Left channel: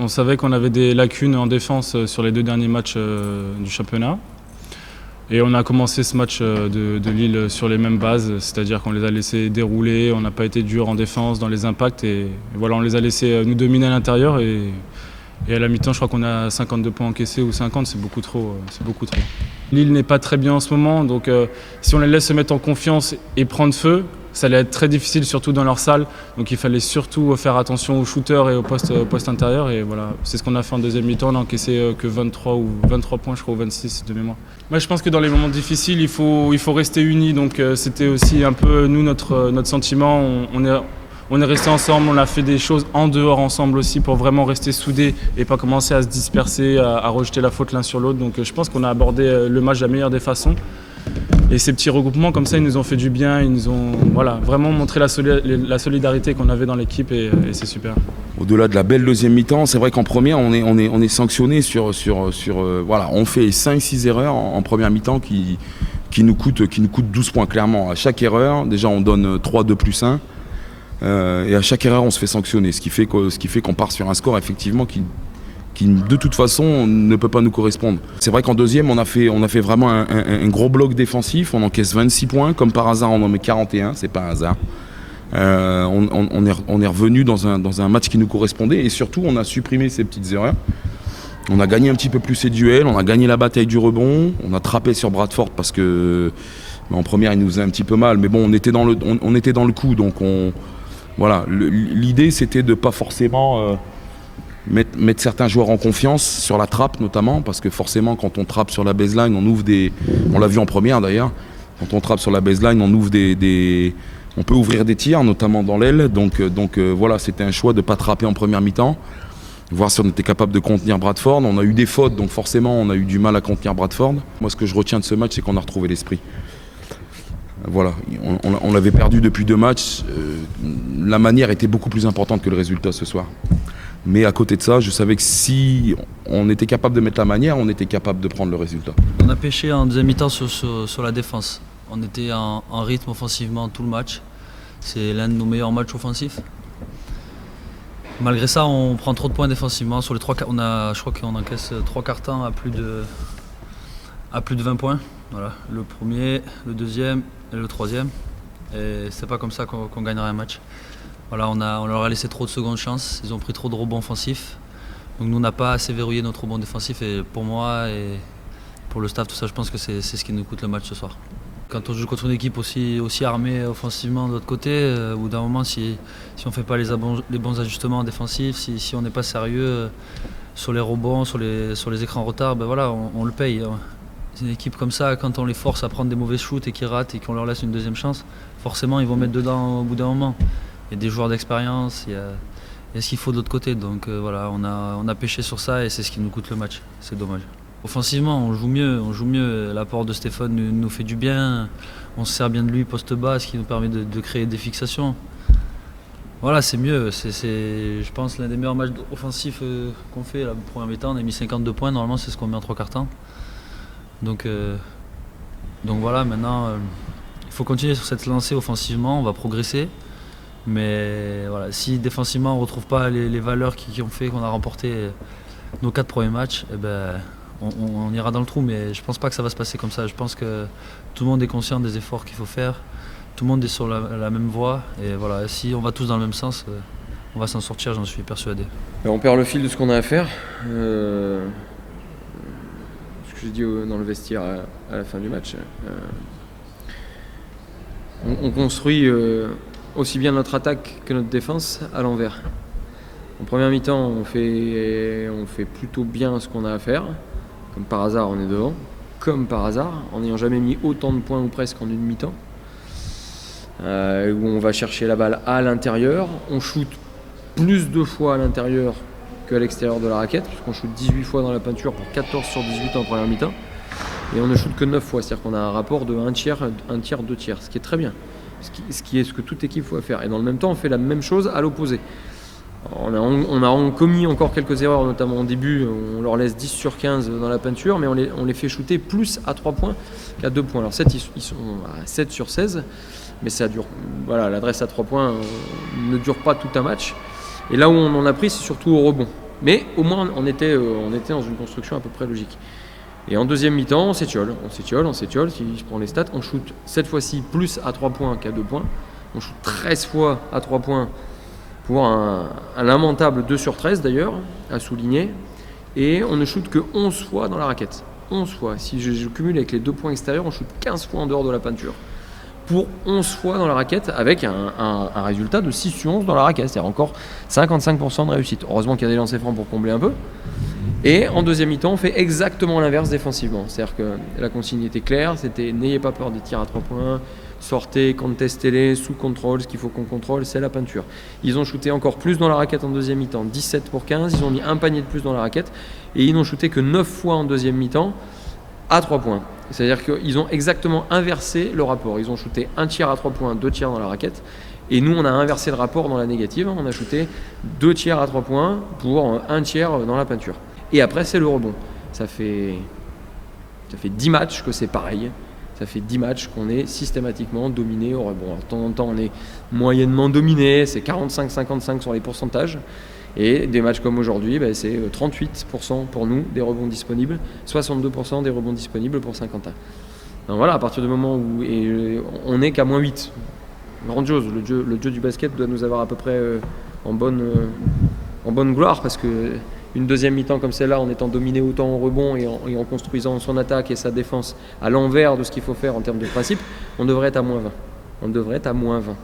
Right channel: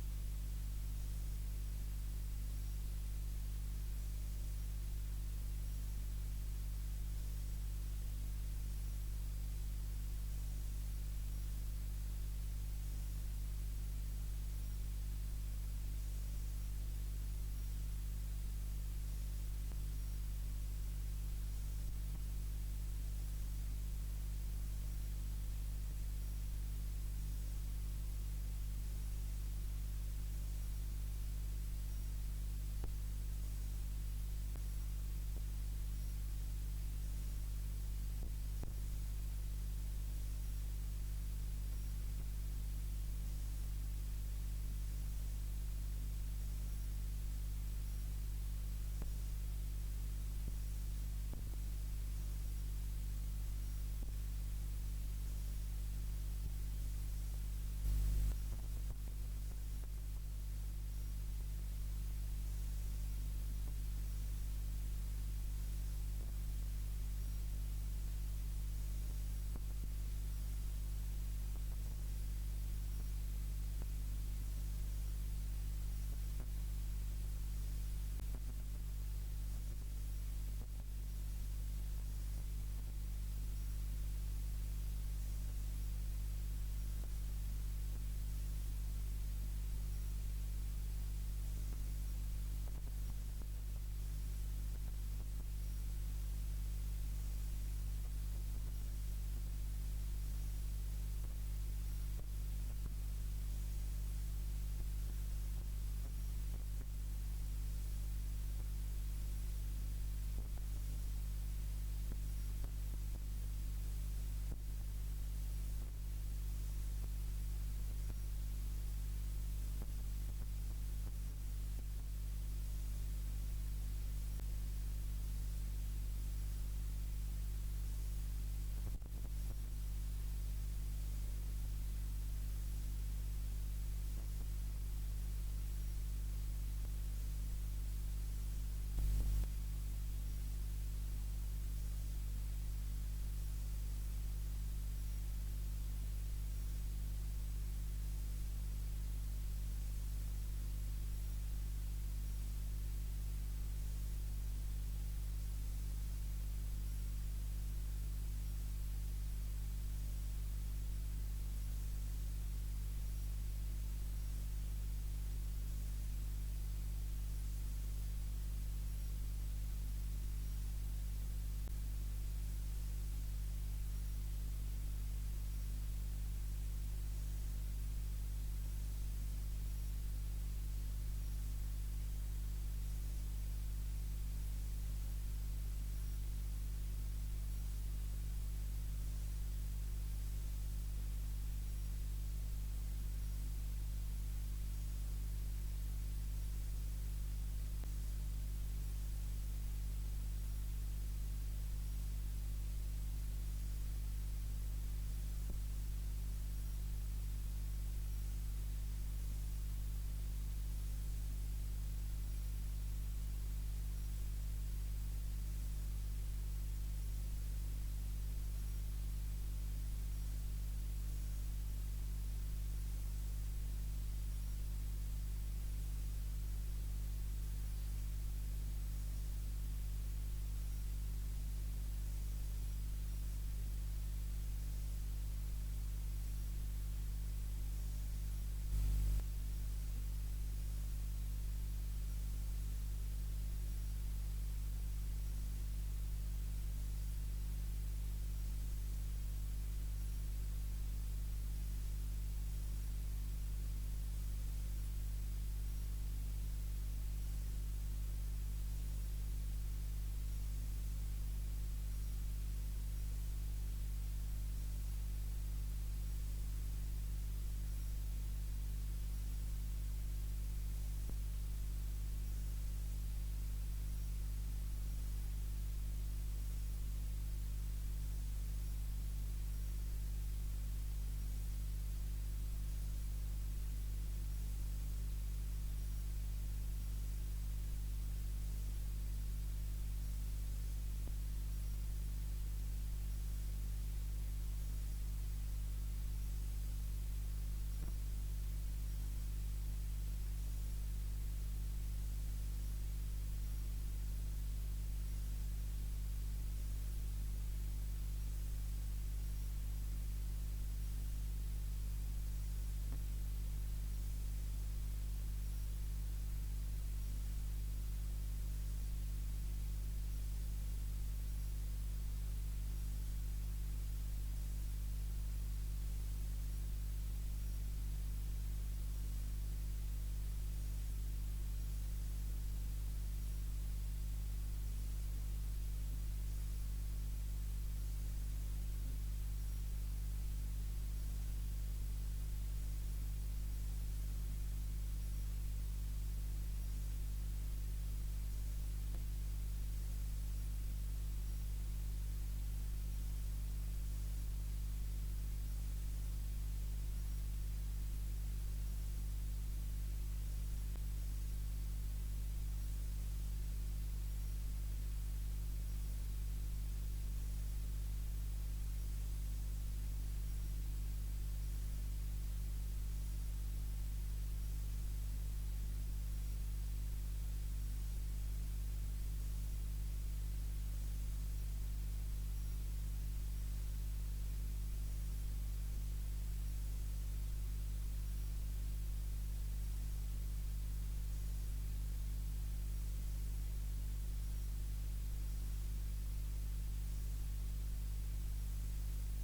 On savait qu'on avait des lacunes en défense sur les 2 derniers matchs du championnat. Et on a commencé ce match de Lille sur les mêmes bases, c'est-à-dire qu'on les a laissés dérouler, on n'a pas été dur en défense dans les impacts et voilà, on les a laissés nous dominer à l'intérieur et à la mi-temps, je crois qu'on a 52 points encaissés ou 50, c'est beaucoup trop. Lille n'est pas très bien en ce moment, donc si on les laisse se mettre en confiance et prendre feu, ça allait être très difficile, surtout dans leur salle. Donc il fallait surtout faire attention aux shooters et au poste intérieur. Et voilà, c'est ce qu'on a fait en deuxième mi-temps. On a encaissé que 23 points, je crois, ou 26 de mémoire. Moi, je pense que dans les moments difficiles, il faut rester unis. Donc c'était aussi un peu nous, notre sentiment. On est restés ensemble, on a fait des choses en dehors ensemble aussi pour vraiment rester soudés et pas commencer à se disperser, à rejeter la faute l'un sur l'autre. Donc je pense qu'on a abordé le match de la meilleure des façons. Et ces petits regroupements comme ça, ils nous ont fait du bien, ils nous ont vraiment montré la solidarité qu'on avait dans l'équipe et c'est super. Au-delà de la belle deuxième mi-temps, c'est vrai qu'en première, on est sanctionné sur voilà, on fait 5-6 erreurs en première mi-temps qui nous coûtent 12 points clairement. À chaque erreur, déjà on donne 3, 2 plus 1. Et à chaque erreur, on se fait sanctionner, ce qui fait qu'on part sur un score effectivement qui de toute façon ne peut pas nous correspondre. C'est vrai qu'en deuxième, on a fait vraiment un gros bloc défensif, on encaisse 26 points, comme par hasard on en met 41, c'est pas un hasard. On est revenu dans un match qui nous correspondait et surtout on a supprimé ces petites erreurs. On a gagné un petit peu plus ces duels, on a gagné la bataille du rebond, on a trappé sur Bradford parce que en première il nous faisait un petit peu mal, mais bon on était dans le coup, donc voilà, l'idée c'était de pas forcément mettre certains joueurs en confiance sur la trappe notamment, parce que forcément quand on trappe sur la baseline, on l'a vu en première d'ailleurs, quand on trappe sur la baseline, on peut ouvrir des tirs, notamment dans l'aile, donc voilà, c'était un choix de ne pas trapper en première mi-temps, voir si on était capable de contenir Bradford. On a eu des fautes, donc forcément on a eu du mal à contenir Bradford. Moi ce que je retiens de ce match, c'est qu'on a retrouvé l'esprit. Voilà, on l'avait perdu depuis 2 matchs. La manière était beaucoup plus importante que le résultat ce soir. Mais à côté de ça, je savais que si on était capable de mettre la manière, on était capable de prendre le résultat. On a pêché en deuxième mi-temps sur la défense. On était en rythme offensivement tout le match. C'est l'un de nos meilleurs matchs offensifs. Malgré ça, on prend trop de points défensivement. Sur les 3, je crois qu'on encaisse 3 quarts temps à plus de 20 points. Voilà, le premier, le deuxième et le troisième. Et c'est pas comme ça qu'on gagnera un match. Voilà, on leur a laissé trop de secondes chances, ils ont pris trop de rebonds offensifs. Donc nous, on n'a pas assez verrouillé notre rebond défensif. Et pour moi et pour le staff, tout ça, je pense que c'est ce qui nous coûte le match ce soir. Quand on joue contre une équipe aussi armée offensivement de l'autre côté, au bout d'un moment, si on ne fait pas les bons ajustements défensifs, si on n'est pas sérieux sur les rebonds, sur les écrans retard, ben voilà, on le paye. C'est une équipe comme ça, quand on les force à prendre des mauvais shoots et qu'ils ratent et qu'on leur laisse une deuxième chance, forcément ils vont mettre dedans au bout d'un moment. Il y a des joueurs d'expérience, il y a ce qu'il faut de l'autre côté. Donc voilà, on a pêché sur ça et c'est ce qui nous coûte le match. C'est dommage. Offensivement, on joue mieux. L'apport de Stéphane nous fait du bien. On se sert bien de lui poste bas, ce qui nous permet de créer des fixations. Voilà, c'est mieux. C'est, je pense, l'un des meilleurs matchs offensifs qu'on fait. La première mi-temps, on a mis 52 points. Normalement, c'est ce qu'on met en 3 quarts temps. Donc voilà, maintenant, il faut continuer sur cette lancée offensivement. On va progresser. Mais voilà, si défensivement on ne retrouve pas les valeurs qui ont fait qu'on a remporté nos 4 premiers matchs, eh ben, on ira dans le trou. Mais je ne pense pas que ça va se passer comme ça. Je pense que tout le monde est conscient des efforts qu'il faut faire. Tout le monde est sur la même voie. Et voilà, si on va tous dans le même sens, on va s'en sortir, j'en suis persuadé. On perd le fil de ce qu'on a à faire. Ce que j'ai dit dans le vestiaire à la fin du match. On construit aussi bien notre attaque que notre défense à l'envers. En première mi-temps, on fait plutôt bien ce qu'on a à faire. Comme par hasard, on est devant. Comme par hasard, en n'ayant jamais mis autant de points ou presque en une mi-temps. Où on va chercher la balle à l'intérieur. On shoot plus de fois à l'intérieur qu'à l'extérieur de la raquette, puisqu'on shoot 18 fois dans la peinture pour 14 sur 18 en première mi-temps. Et on ne shoot que 9 fois, c'est-à-dire qu'on a un rapport de 1 tiers, 2 tiers, ce qui est très bien. Ce qui est ce que toute équipe doit faire. Et dans le même temps, on fait la même chose à l'opposé. On a commis encore quelques erreurs, notamment au début. On leur laisse 10 sur 15 dans la peinture, mais on les fait shooter plus à 3 points qu'à 2 points. Alors 7, ils sont à 7 sur 16, mais ça dure. Voilà, l'adresse à 3 points ne dure pas tout un match. Et là où on en a pris, c'est surtout au rebond. Mais au moins, on était dans une construction à peu près logique. Et en deuxième mi-temps, on s'étiole. Si je prends les stats, on shoot cette fois-ci plus à 3 points qu'à 2 points. On shoot 13 fois à 3 points pour un lamentable 2 sur 13 d'ailleurs, à souligner. Et on ne shoot que 11 fois dans la raquette. 11 fois. Si je cumule avec les 2 points extérieurs, on shoot 15 fois en dehors de la peinture. Pour 11 fois dans la raquette, avec un résultat de 6 sur 11 dans la raquette. C'est-à-dire encore 55% de réussite. Heureusement qu'il y a des lancers francs pour combler un peu. Et en deuxième mi-temps, on fait exactement l'inverse défensivement. C'est-à-dire que la consigne était claire, c'était n'ayez pas peur des tirs à 3 points, sortez, contestez-les, sous contrôle, ce qu'il faut qu'on contrôle, c'est la peinture. Ils ont shooté encore plus dans la raquette en deuxième mi-temps, 17 pour 15, ils ont mis un panier de plus dans la raquette, et ils n'ont shooté que 9 fois en deuxième mi-temps à 3 points. C'est-à-dire qu'ils ont exactement inversé le rapport. Ils ont shooté un tiers à 3 points, 2 tiers dans la raquette, et nous on a inversé le rapport dans la négative, on a shooté 2 tiers à 3 points pour un tiers dans la peinture. Et après, c'est le rebond. Ça fait 10 matchs que c'est pareil. Ça fait 10 matchs qu'on est systématiquement dominé au rebond. Alors, de temps en temps, on est moyennement dominé. C'est 45-55 sur les pourcentages. Et des matchs comme aujourd'hui, c'est 38% pour nous des rebonds disponibles, 62% des rebonds disponibles pour Saint-Quentin. Donc voilà, à partir du moment où on n'est qu'à moins 8. Grandiose. Le jeu du basket doit nous avoir à peu près en bonne gloire parce que une deuxième mi-temps comme celle-là, en étant dominé autant en rebond et en construisant son attaque et sa défense à l'envers de ce qu'il faut faire en termes de principe, on devrait être à moins 20.